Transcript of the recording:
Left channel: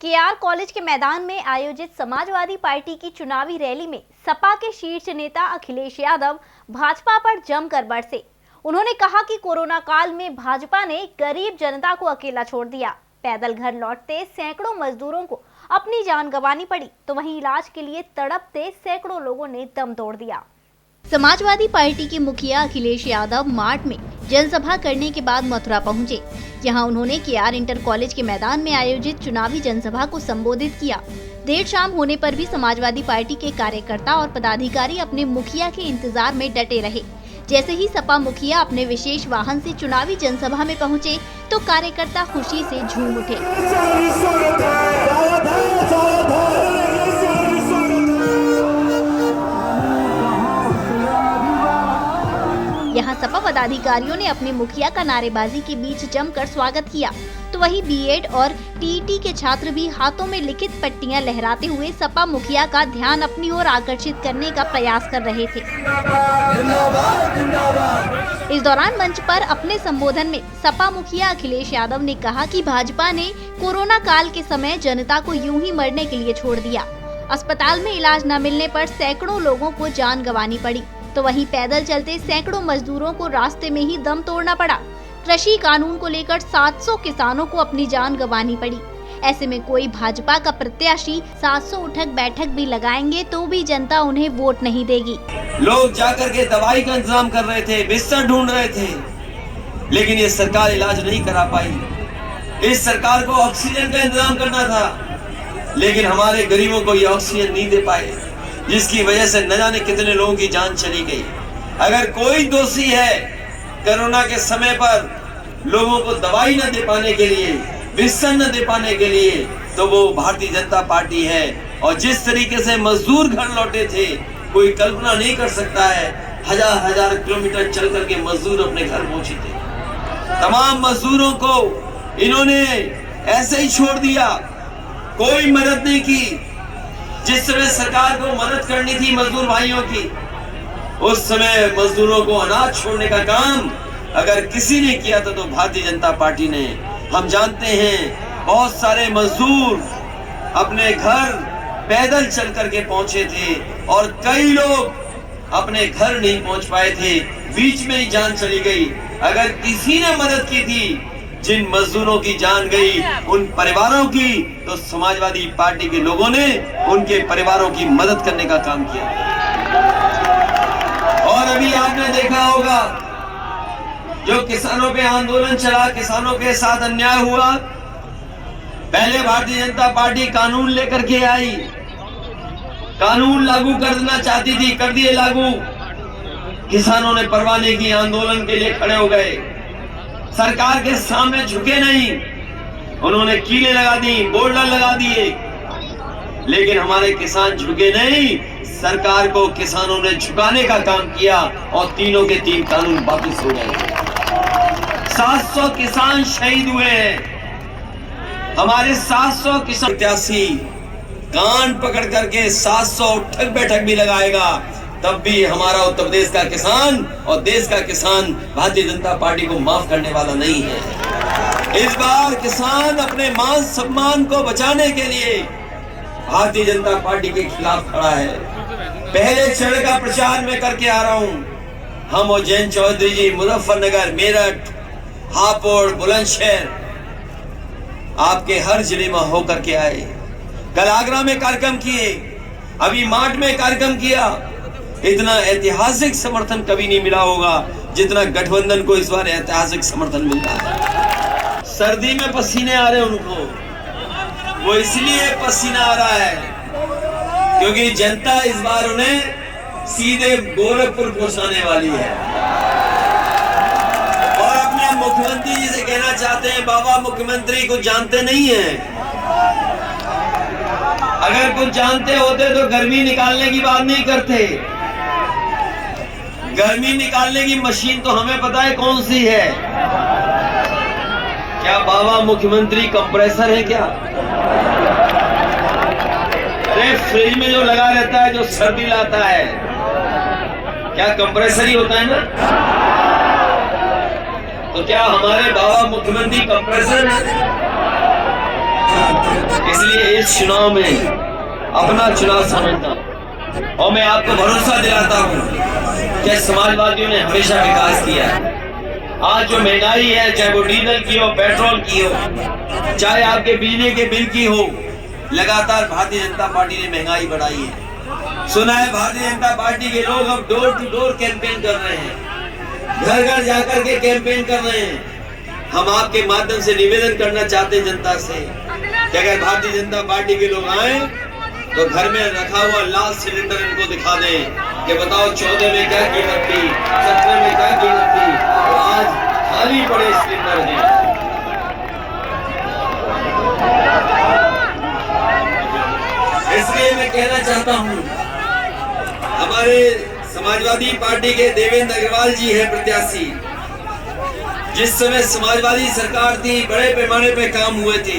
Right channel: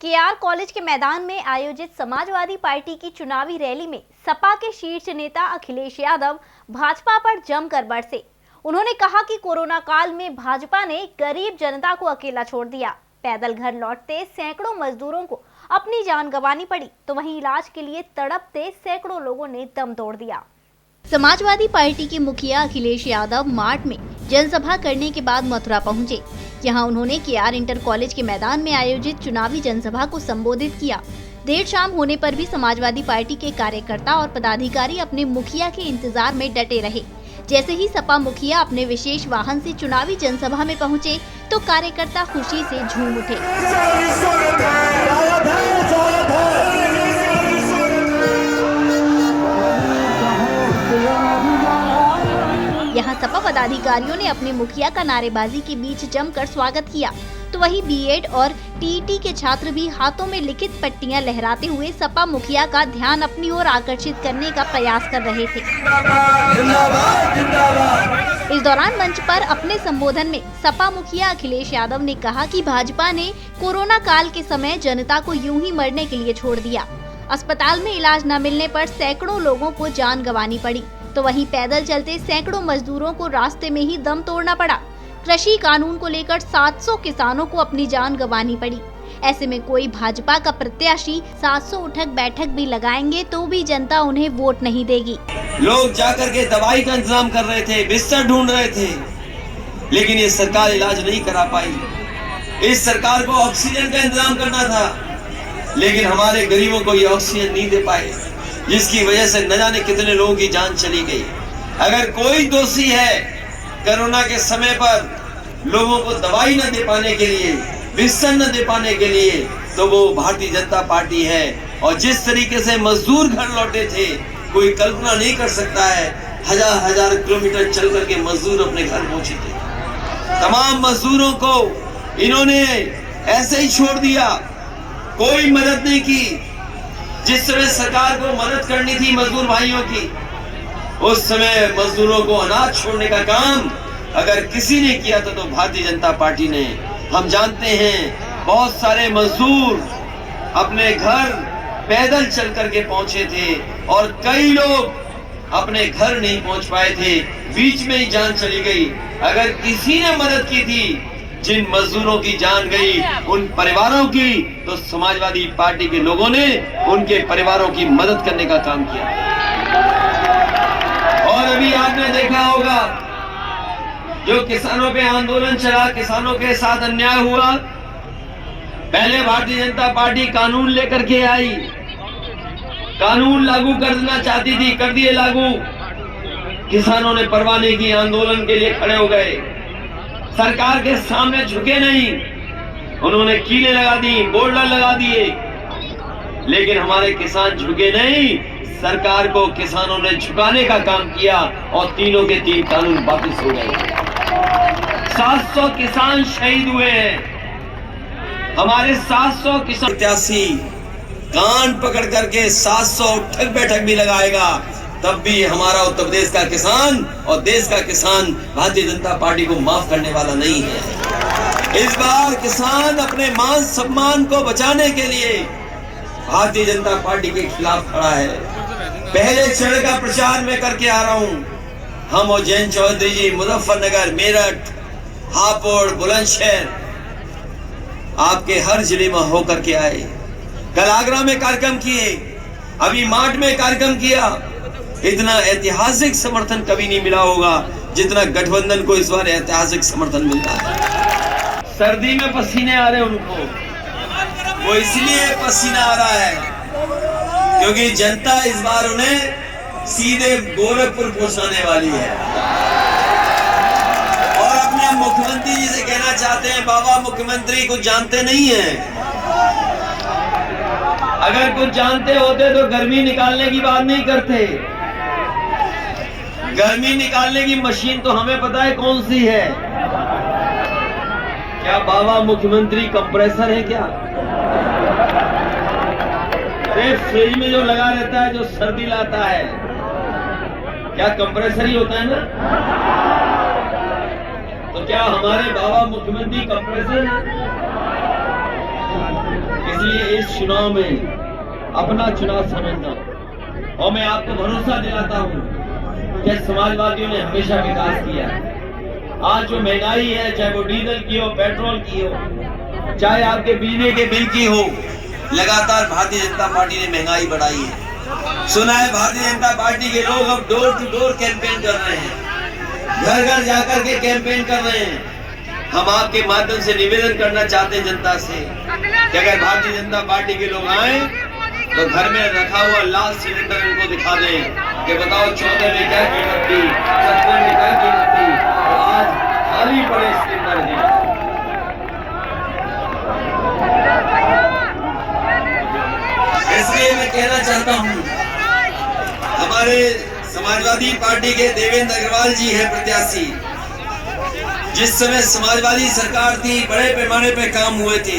K R college के मैदान में आयोजित समाजवादी पार्टी की चुनावी रैली में सपा के शीर्ष नेता अखिलेश यादव भाजपा पर जमकर बरसे। उन्होंने कहा कि कोरोना काल में भाजपा ने गरीब जनता को अकेला छोड़ दिया। पैदल घर लौटते सैकड़ों मजदूरों को अपनी जान गंवानी पड़ी, तो वहीं इलाज के लिए तड़पते सैकड़ों लोगों ने दम तोड़ दिया। समाजवादी पार्टी के मुखिया अखिलेश यादव मार्ट में जनसभा करने के बाद मथुरा पहुंचे। यहां उन्होंने केआर इंटर कॉलेज के मैदान में आयोजित चुनावी जनसभा को संबोधित किया। देर शाम होने पर भी समाजवादी पार्टी के कार्यकर्ता और पदाधिकारी अपने मुखिया के इंतजार में डटे रहे। जैसे ही सपा मुखिया अपने विशेष वाहन से चुनावी जनसभा में पहुंचे, तो कार्यकर्ता खुशी से झूम उठे। यहाँ सपा पदाधिकारियों ने अपने मुखिया का नारेबाजी के बीच जमकर स्वागत किया, तो वहीं बीएड और टीईटी के छात्र भी हाथों में लिखित पट्टियां लहराते हुए सपा मुखिया का ध्यान अपनी ओर आकर्षित करने का प्रयास कर रहे थे। इस दौरान मंच पर अपने संबोधन में सपा मुखिया अखिलेश यादव ने कहा कि भाजपा ने कोरोना काल के समय जनता को यूं ही मरने के लिए छोड़ दिया। अस्पताल में इलाज न मिलने पर सैकड़ों लोगों को जान गंवानी पड़ी, तो वहीं पैदल चलते सैकड़ों मजदूरों को रास्ते में ही दम तोड़ना पड़ा। कृषि कानून को लेकर 700 किसानों को अपनी जान गंवानी पड़ी। ऐसे में कोई भाजपा का प्रत्याशी 700 उठक बैठक भी लगाएंगे तो भी जनता उन्हें वोट नहीं देगी। लोग जाकर के दवाई का इंतजाम कर रहे थे, बिस्तर ढूंढ रहे थे, लेकिन ये सरकार इलाज नहीं करा पाई। इस सरकार को ऑक्सीजन का इंतजाम करना था, लेकिन हमारे गरीबों को ये ऑक्सीजन नहीं दे पाए, जिसकी वजह से न जाने कितने लोगों की जान चली गई। अगर कोई दोषी है कोरोना के समय पर लोगों को दवाई न दे पाने के लिए, बिस्तर न दे पाने के लिए, तो वो भारतीय जनता पार्टी है। और जिस तरीके से मजदूर घर लौटे थे, कोई कल्पना नहीं कर सकता है। हजार हजार किलोमीटर चल करके मजदूर अपने घर पहुंचे थे। तमाम मजदूरों को इन्होंने ऐसे ही छोड़ दिया, कोई मदद नहीं की। जिस समय सरकार को मदद करनी थी मजदूर भाइयों की, उस समय मजदूरों को अनाज छोड़ने का काम अगर किसी ने किया था तो भारतीय जनता पार्टी ने। हम जानते हैं बहुत सारे मजदूर अपने घर पैदल चल करके पहुंचे थे और कई लोग अपने घर नहीं पहुंच पाए थे, बीच में ही जान चली गई। अगर किसी ने मदद की थी जिन मजदूरों की जान गई, उन परिवारों की, तो समाजवादी पार्टी के लोगों ने उनके परिवारों की मदद करने का काम किया। और अभी आपने देखा होगा जो किसानों पे आंदोलन चला, किसानों के साथ अन्याय हुआ, पहले भारतीय जनता पार्टी कानून लेकर के आई, कानून लागू करना चाहती थी, कर दिए लागू। किसानों ने परवाह नहीं की, आंदोलन के लिए खड़े हो गए, सरकार के सामने झुके नहीं, उन्होंने कीलें लगा दी, बोर्डर लगा दिए, लेकिन हमारे किसान झुके नहीं। सरकार को किसानों ने झुकाने का काम किया और तीनों के तीन कानून वापस हो गए। 700 किसान शहीद हुए हैं। हमारे 700 किसान प्रत्याशी कान पकड़ करके 700 उठक बैठक भी लगाएगा, तब भी हमारा उत्तर प्रदेश का किसान और देश का किसान भारतीय जनता पार्टी को माफ करने वाला नहीं है। इस बार किसान अपने मान सम्मान को बचाने के लिए भारतीय जनता पार्टी के खिलाफ खड़ा है। पहले चरण का प्रचार में करके आ रहा हूं। हम और जयंत चौधरी जी मुजफ्फरनगर, मेरठ, हापुड़, बुलंदशहर, आपके हर जिले में होकर के आए। कल आगरा में कार्यक्रम किए, अभी मार्ट में कार्यक्रम किया। इतना ऐतिहासिक समर्थन कभी नहीं मिला होगा जितना गठबंधन को इस बार ऐतिहासिक समर्थन मिलता है। सर्दी में पसीने आ रहे उनको, वो इसलिए पसीना आ रहा है क्योंकि जनता इस बार उन्हें सीधे गोरखपुर पहुंचाने वाली है। और अपने मुख्यमंत्री जी से कहना चाहते हैं, बाबा मुख्यमंत्री कुछ जानते नहीं है। अगर कुछ जानते होते तो गर्मी निकालने की बात नहीं करते। गर्मी निकालने की मशीन तो हमें पता है कौन सी है। क्या बाबा मुख्यमंत्री कंप्रेसर है क्या? फ्रिज में जो लगा रहता है, जो सर्दी लाता है, क्या कंप्रेसर ही होता है ना? तो क्या हमारे बाबा मुख्यमंत्री कंप्रेसर इसलिए इस चुनाव में अपना चुनाव समझना, और मैं आपको भरोसा दिलाता हूं कि समाजवादियों ने हमेशा विकास किया है। आज जो महंगाई है, चाहे वो डीजल की हो, पेट्रोल की हो, चाहे आपके बिजली के बिल की हो, लगातार भारतीय जनता पार्टी ने महंगाई बढ़ाई है। सुना है भारतीय जनता पार्टी के लोग अब डोर टू डोर कैंपेन कर रहे हैं, घर घर जाकर के कैंपेन कर रहे हैं। हम आपके माध्यम से निवेदन करना चाहते हैं जनता से कि अगर भारतीय जनता पार्टी के लोग आए तो घर में रखा हुआ लाल सिलेंडर इनको दिखा दें कि बताओ 14 में क्या कीमत थी, 17 में क्या कीमत थी, और आज खाली पड़े सिलेंडर हैं। इसलिए मैं कहना चाहता हूं, हमारे समाजवादी पार्टी के देवेंद्र अग्रवाल जी है प्रत्याशी। जिस समय समाजवादी सरकार थी, बड़े पैमाने पे काम हुए थे।